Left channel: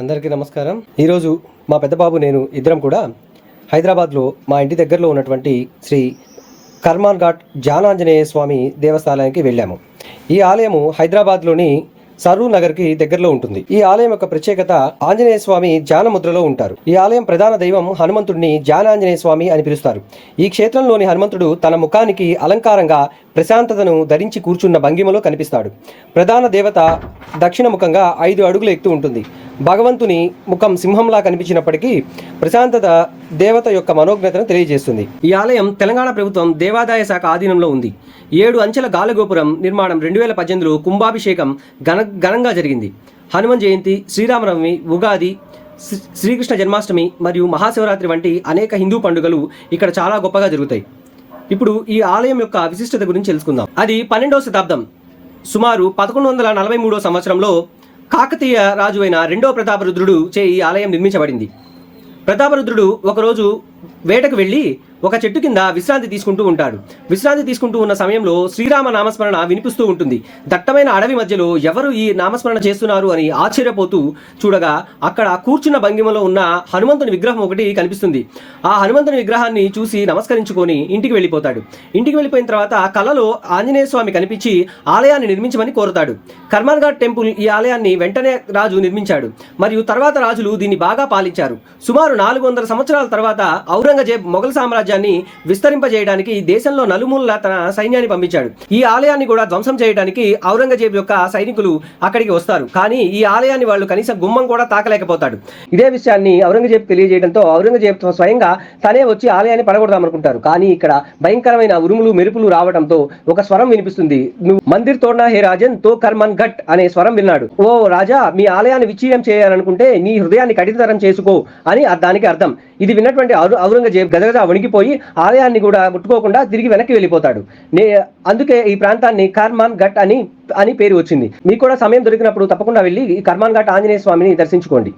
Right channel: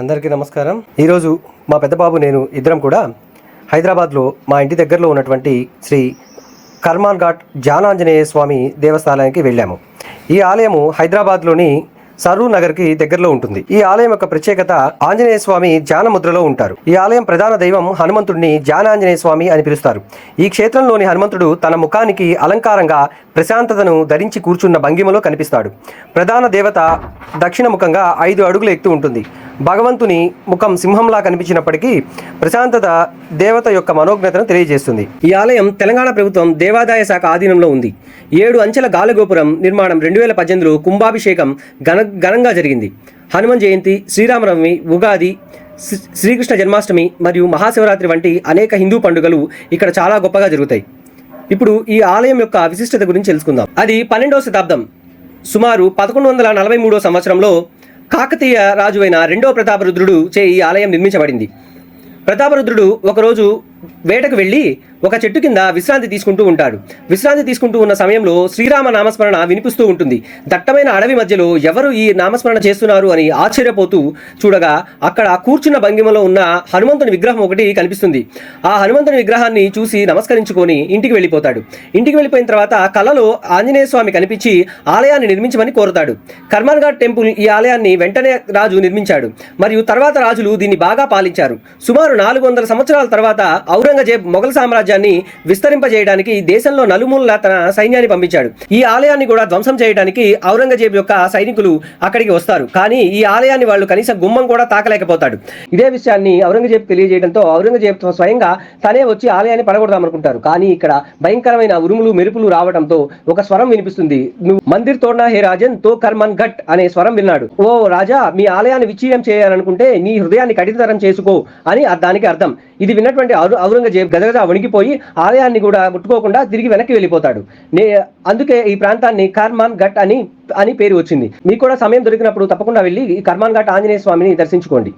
అందరికీ నమస్కారం. ఈరోజు మా పెద్ద బాబు నేను ఇద్దరం కూడా హైదరాబాద్లో మా ఇంటి దగ్గరలో ఉన్నటువంటి శ్రీ కర్మాన్ ఘాట్ జానాంజనేయ స్వామి దేవస్థానానికి వెళ్ళాము. ఈ ఆలయము హైదరాబాద్లోని సరూర్ నగర్కి దగ్గరలో ఉంటుంది. ఈ ఆలయం యొక్క ప్రత్యేకత ఆంజనేయ స్వామి ధ్యాన ముద్రలో ఉంటారు. ఈ ఆలయం ప్రధాన దైవం హనుమంతుడిని ధ్యానాంజనేయ స్వామి అని పిలుస్తారు. ఈ క్షేత్రంలోని హనుమంతుడు తన ముఖానికి అలంకారంగా ప్రశాంతతను ధరించి కూర్చున్న భంగిమలో కనిపిస్తాడు. ప్రధాన దేవత దక్షిణ ముఖంగా ఐదు అడుగులు ఎత్తు ఉంటుంది. భగవంతుని ముఖం సింహంలా కనిపించినప్పటికీ ప్రశాంతత దేవత యొక్క మనోజ్ఞతను తెలియజేస్తుంది. ఈ ఆలయం తెలంగాణ ప్రభుత్వం దేవాదాయ శాఖ ఆధీనంలో ఉంది. ఏడు అంచెల గాలగోపురం నిర్మాణం రెండు వేల పద్దెనిమిదిలో కుంభాభిషేకం ఘన ఘనంగా జరిగింది. హనుమాన్ జయంతి శ్రీరామనవమి ఉగాది శ్రీ- శ్రీకృష్ణ జన్మాష్టమి మరియు మహాశివరాత్రి వంటి అనేక హిందూ పండుగలు ఇక్కడ చాలా గొప్పగా జరుగుతాయి. ఇప్పుడు ఈ ఆలయం యొక్క విశిష్టత గురించి తెలుసుకుందాం. అది పన్నెండవ శతాబ్దం. సుమారు పదకొండు వందల నలభై మూడో సంవత్సరంలో కాకతీయ రాజు అయిన రెండవ ప్రతాపరుద్రుడు చే ఈ ఆలయం నిర్మించబడింది. ప్రతాపరుద్రుడు ఒకరోజు వేటకు వెళ్ళి ఒక చెట్టు కింద విశ్రాంతి తీసుకుంటూ ఉంటాడు. విశ్రాంతి తీసుకుంటూ ఉన్న సమయంలో శ్రీరామ నామస్మరణ వినిపిస్తూ ఉంటుంది. దట్టమైన అడవి మధ్యలో ఎవరు ఈ నామస్మరణ చేస్తున్నారు అని ఆశ్చర్యపోతూ చూడగా అక్కడ కూర్చున్న భంగిమలో ఉన్న హనుమంతుని విగ్రహం ఒకటి కనిపిస్తుంది. ఆ హనుమంతుని విగ్రహాన్ని చూసి నమస్కరించుకొని ఇంటికి వెళ్ళిపోతాడు. ఇంటికి వెళ్ళిపోయిన తర్వాత కలలో ఆంజనేయ స్వామి కనిపించి ఆలయాన్ని నిర్మించమని కోరుతాడు. కర్మన్ఘాట్ టెంపుల్ ఈ ఆలయాన్ని వెంటనే రాజు నిర్మించాడు. మరియు తర్వాత రాజులు దీన్ని బాగా పాలించారు. సుమారు నాలుగు వందల సంవత్సరాల తర్వాత ఔరంగజేబ్ మొఘల్ సామ్రాజ్యాన్ని విస్తరింపజేయడానికి దేశంలో నలుమూలన తన సైన్యాన్ని పంపించాడు. ఈ ఆలయాన్ని కూడా ధ్వంసం చేయడానికి ఔరంగజేబ్ యొక్క సైనికులు అక్కడికి వస్తారు. కానీ ఈ ఆలయాన్ని వాళ్ళు కనీసం గుమ్మం కూడా తాకలేకపోతాడు. ఇదే విషయాన్ని ఔరంగజేబ్ తెలియజేయడంతో ఔరంగజేబ్ స్వయంగా తనే వచ్చి ఆలయాన్ని పడగొడదామనుకుంటారు. కానీ ఇక్కడ భయంకరమైన ఉరుములు మెరుపులు రావడంతో ఒక స్వరం వినిపిస్తుంది. నువ్వు మందిర్ తోడ్నా హే రాజన్? తో కర్మన్ ఘట్ అనే స్వరం విన్నాడు. ఓ రాజా మీ ఆలయాన్ని విచ్ఛిన్నం చేయాలనుకుంటే నీ హృదయాన్ని కఠినతరం చేసుకో అని దానికి అర్థం. ఇది విన్నటువంటి ఔరంగజేబ్ గజగజ వణికిపోయి ఆలయాన్ని కూడా ముట్టుకోకుండా తిరిగి వెనక్కి వెళ్ళిపోతాడు. నే అందుకే ఈ ప్రాంతాన్ని కర్మాన్ ఘట్ అని అని పేరు వచ్చింది. మీకు కూడా సమయం దొరికినప్పుడు తప్పకుండా వెళ్ళి ఈ కర్మాన్ ఘట్ ఆంజనేయ స్వామిని దర్శించుకోండి.